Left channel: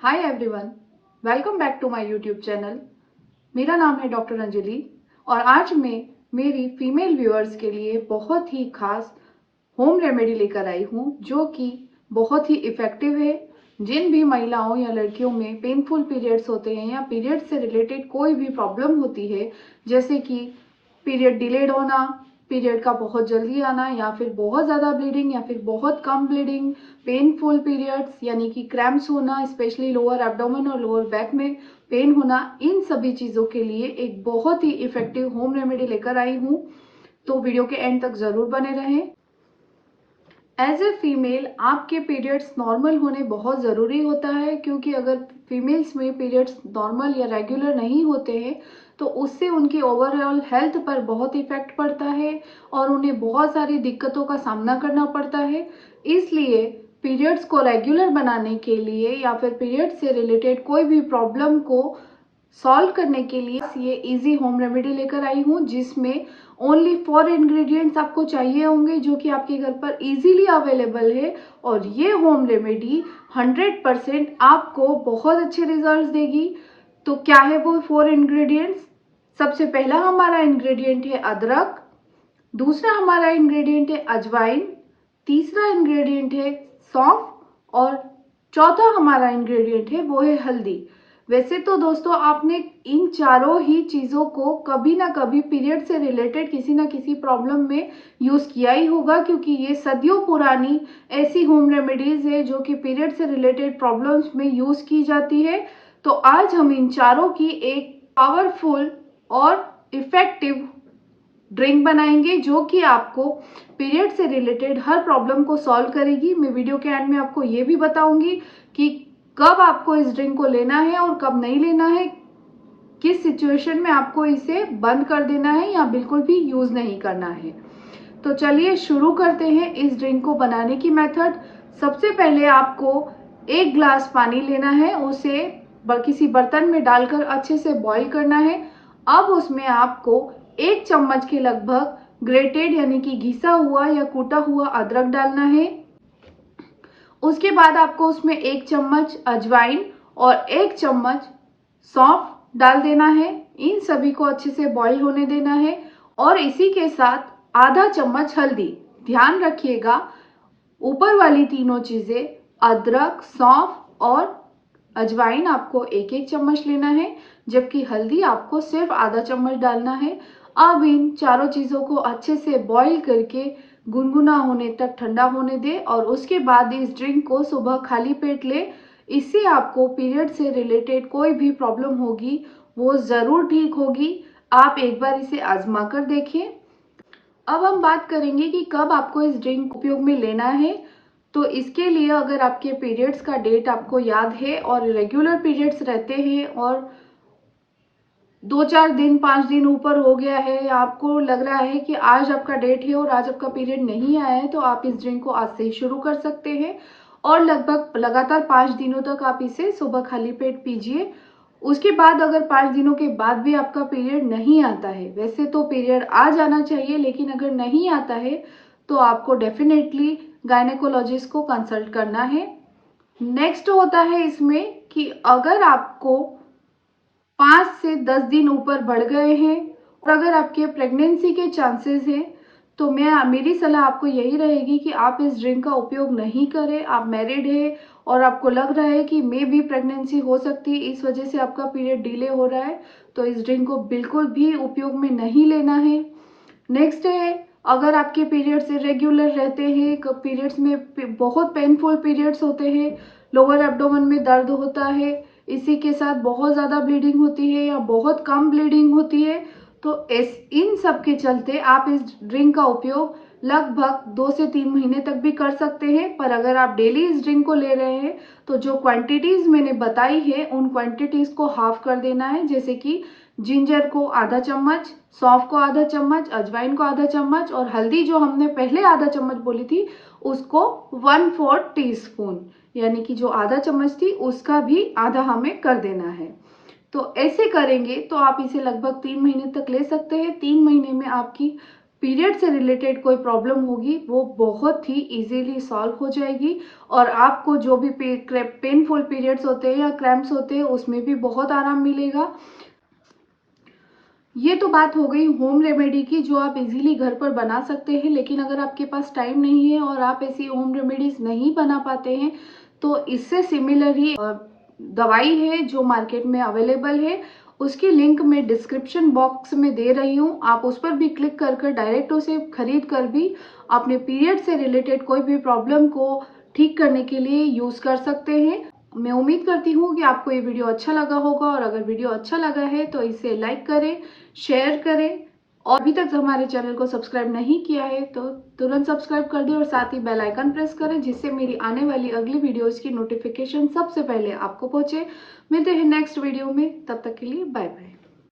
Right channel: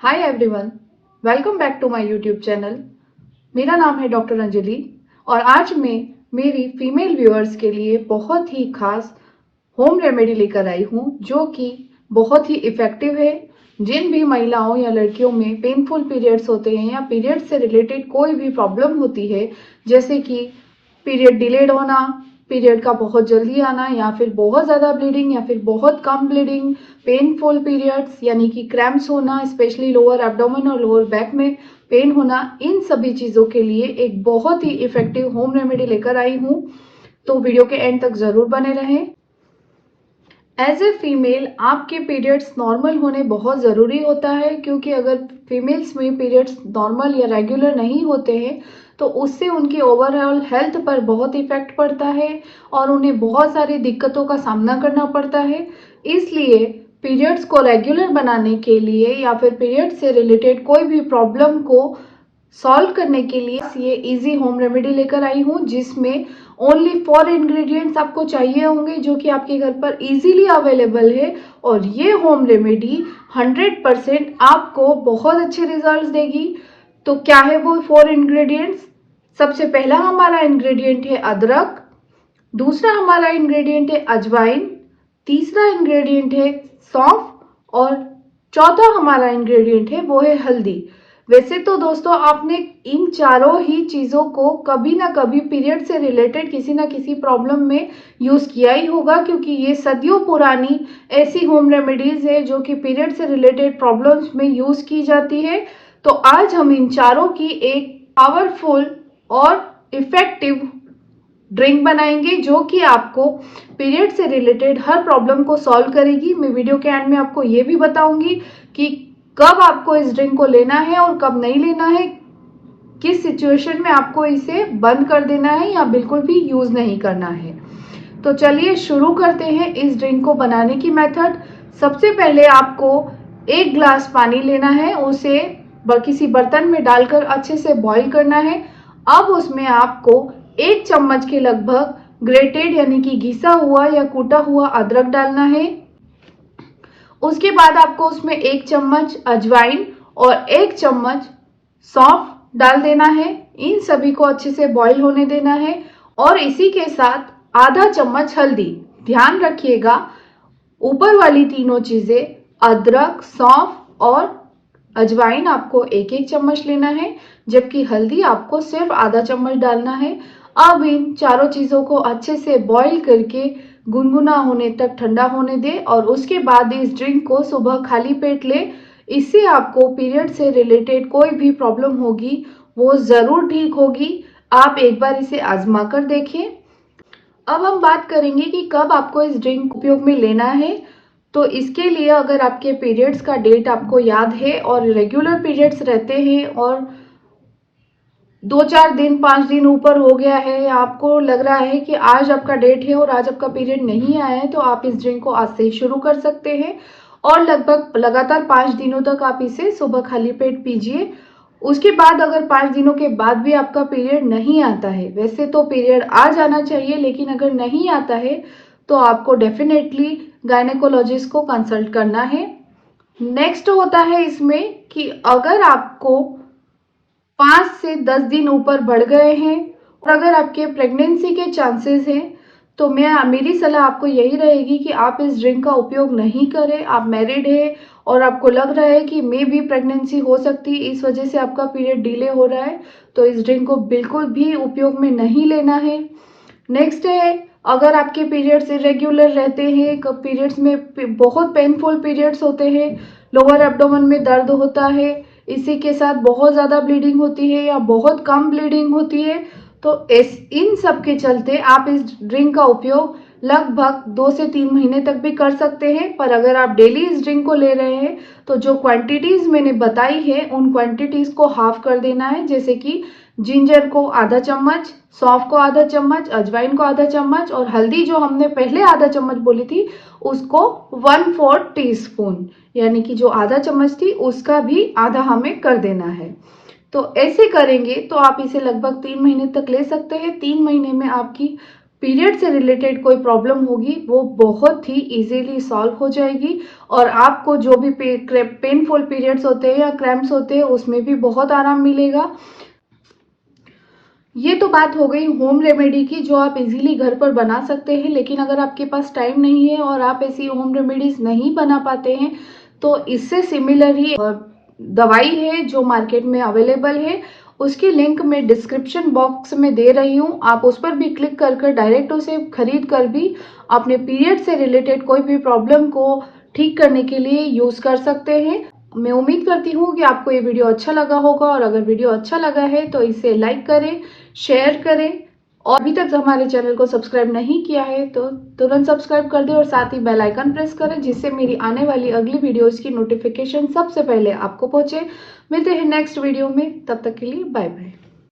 Hi everyone, welcome back to my YouTube channel. मेरा नाम है डॉक्टर अंजलि और आज मैं मेरी फीमेल व्यूअर्स के लिए बहुत ही खास होम रेमेडी लेकर आई हूँ जो कि बहुत ही इफ़ेक्टिव है। जिन भी महिलाओं या लड़कियों में पेनफुल पीरियड्स होते हैं या पीरियड से रिलेटेड कोई भी प्रॉब्लम होती है, जैसे कि पीरियड डिलेड होना, पीरियड का बहुत जल्दी आना, या फिर बहुत ज़्यादा ब्लीडिंग या फिर बहुत कम ब्लीडिंग, पेनफुल पीरियड्स यानी कि क्रैम्प्स होना, स्पेशली लोअर एब्डोमेन और लोअर बैक में पेन होना, इन सभी चीज़ों के लिए एक बहुत ही इफ़ेक्टिव होम रेमेडी लेकर आई हूँ। तो वीडियो के एंड तक ज़रूर बने रहें। एज ए फीमेल आपके पीरियड्स नॉर्मल होने बहुत ज़रूरी होता है, क्योंकि अगर फीमेल्स में पीरियड्स नॉर्मल या रेगुलर नहीं होते हैं तो उससे उनकी ओवरऑल हेल्थ पर बहुत इफेक्ट पड़ता है और उन्हें बहुत सारी दिक्कतों का सामना करना पड़ता है। इसलिए पीरियड्स को रेगुलर बनाने के लिए या फिर पीरियड से रिलेटेड कोई भी प्रॉब्लम को सॉल्व करने के लिए ये इजी होम रेमेडी लेकर आई हूँ, जिसमें ओनली 4 इंग्रेडिएंट्स आपको चाहिए होंगे जो कि आपके घर पर इजीली अवेलेबल है। और ये होम रेमेडी 100% आपको बहुत अच्छे रिजल्ट्स देगी। तो क्या है वो 4 इंग्रेडिएंट्स? सबसे पहला हमारा इंग्रेडिएंट है अदरक, दूसरा हमारा इंग्रेडिएंट है अजवाइन, तीसरा इंग्रेडिएंट है सौंफ और चौथा हमारा इंग्रेडिएंट है वो है हल्दी। वैसे तो दोस्तों आपने इन चारों ही चीज़ों को कभी ना कभी पीरियड से रिलेटेड किसी ना किसी प्रॉब्लम में यूज़ किया ही होगा, क्योंकि ये सदियों पुरानी ऐसी होम रेमेडीज है जो कि पीरियड से रिलेटेड प्रॉब्लम्स में यूज़ की जाती है। तो आज हम इन चारों की एक पावरफुल और इफेक्टिव ड्रिंक बनाएंगे जो कि आपको पीरियड से रिलेटेड हर प्रॉब्लम को सॉल्व करेगी। मैं वीडियो के एंड में आपको ये भी बताऊंगी कि कब आपको इस ड्रिंक को लेना है और कब नहीं लेना है, किस सिचुएशन में आपको इसे बंद कर देना है या बिल्कुल भी यूज नहीं करना है। तो चलिए शुरू करते हैं इस ड्रिंक को बनाने की मेथड। सबसे पहले आपको 1 ग्लास पानी लेना है, उसे किसी बर्तन में डालकर अच्छे से बॉईल करना है। अब उसमें आपको 1 चम्मच के लगभग ग्रेटेड यानी कि घिसा हुआ या कूटा हुआ अदरक डालना है। उसके बाद आपको उसमें 1 चम्मच अजवाइन और 1 चम्मच सौंफ डाल देना है। इन सभी को अच्छे से बॉईल होने देना है और इसी के साथ आधा चम्मच हल्दी। ध्यान रखिएगा, ऊपर वाली तीनों चीजें अदरक, सौंफ और अजवाइन आपको 1-1 चम्मच लेना है, जबकि हल्दी आपको सिर्फ आधा चम्मच डालना है। अब इन चारों चीज़ों को अच्छे से बॉईल करके गुनगुना होने तक ठंडा होने दे और उसके बाद इस ड्रिंक को सुबह खाली पेट ले। इससे आपको पीरियड से रिलेटेड कोई भी प्रॉब्लम होगी वो ज़रूर ठीक होगी। आप एक बार इसे आजमा कर देखें। अब हम बात करेंगे कि कब आपको इस ड्रिंक उपयोग में लेना है। तो इसके लिए अगर आपके पीरियड्स का डेट आपको याद है और रेगुलर पीरियड्स रहते हैं और 2-4 दिन 5 दिन ऊपर हो गया है, आपको लग रहा है कि आज आपका डेट है और आज आपका पीरियड नहीं आया है, तो आप इस ड्रिंक को आज से ही शुरू कर सकते हैं और लगभग लगातार 5 दिनों तक आप इसे सुबह खाली पेट पीजिए। उसके बाद अगर 5 दिनों के बाद भी आपका पीरियड नहीं आता है, वैसे तो पीरियड आ जाना चाहिए लेकिन अगर नहीं आता है तो आपको डेफिनेटली गायनेकोलॉजिस्ट को कंसल्ट करना है। नेक्स्ट होता है इसमें कि अगर आपको 5 से 10 दिन ऊपर बढ़ गए हैं और अगर आपके प्रेगनेंसी के चांसेस हैं तो मेरी सलाह आपको यही रहेगी कि आप इस ड्रिंक का उपयोग नहीं करें। आप मैरिड है और आपको लग रहा है कि मे भी प्रेगनेंसी हो सकती है, इस वजह से आपका पीरियड डिले हो रहा है, तो इस ड्रिंक को बिल्कुल भी उपयोग में नहीं लेना है। नेक्स्ट है, अगर आपके पीरियड्स इरेग्युलर रहते हैं, पीरियड्स में बहुत पेनफुल पीरियड्स होते हैं, लोअर एब्डोमेन में दर्द होता है, इसी के साथ बहुत ज़्यादा ब्लीडिंग होती है या बहुत कम ब्लीडिंग होती है, तो इन सब के चलते आप इस ड्रिंक का उपयोग लगभग 2 से 3 महीने तक भी कर सकते हैं। पर अगर आप डेली इस ड्रिंक को ले रहे हैं तो जो क्वांटिटीज़ मैंने बताई है उन क्वांटिटीज़ को हाफ कर देना है, जैसे कि जिंजर को आधा चम्मच, सौंफ को आधा चम्मच, अजवाइन को आधा चम्मच और हल्दी जो हमने पहले आधा चम्मच बोली थी उसको 1/4 टीस्पून, यानी कि जो आधा चम्मच थी उसका भी आधा हमें कर देना है। तो ऐसे करेंगे तो आप इसे लगभग 3 महीने तक ले सकते हैं। 3 महीने में आपकी पीरियड से रिलेटेड कोई प्रॉब्लम होगी वो बहुत ही इजीली सॉल्व हो जाएगी और आपको जो भी पेनफुल पीरियड्स होते हैं या क्रैम्प्स होते हैं उसमें भी बहुत आराम मिलेगा। ये तो बात हो गई होम रेमेडी की जो आप इजीली घर पर बना सकते हैं, लेकिन अगर आपके पास टाइम नहीं है और आप ऐसी होम रेमेडीज नहीं बना पाते हैं तो इससे सिमिलर ही दवाई है जो मार्केट में अवेलेबल है, उसकी लिंक मैं डिस्क्रिप्शन बॉक्स में दे रही हूँ। आप उस पर भी क्लिक कर डायरेक्ट उसे खरीद कर भी अपने पीरियड से रिलेटेड कोई भी प्रॉब्लम को ठीक करने के लिए यूज कर सकते हैं। मैं उम्मीद करती हूँ कि आपको ये वीडियो अच्छा लगा होगा और अगर वीडियो अच्छा लगा है तो इसे लाइक करें, शेयर करें और अभी तक हमारे चैनल को सब्सक्राइब नहीं किया है तो तुरंत सब्सक्राइब कर दें और साथ ही बेल आइकन प्रेस करें जिससे मेरी आने वाली अगली वीडियोस की नोटिफिकेशन सबसे पहले आपको पहुंचे। मिलते हैं नेक्स्ट वीडियो में, तब तक के लिए बाय बाय।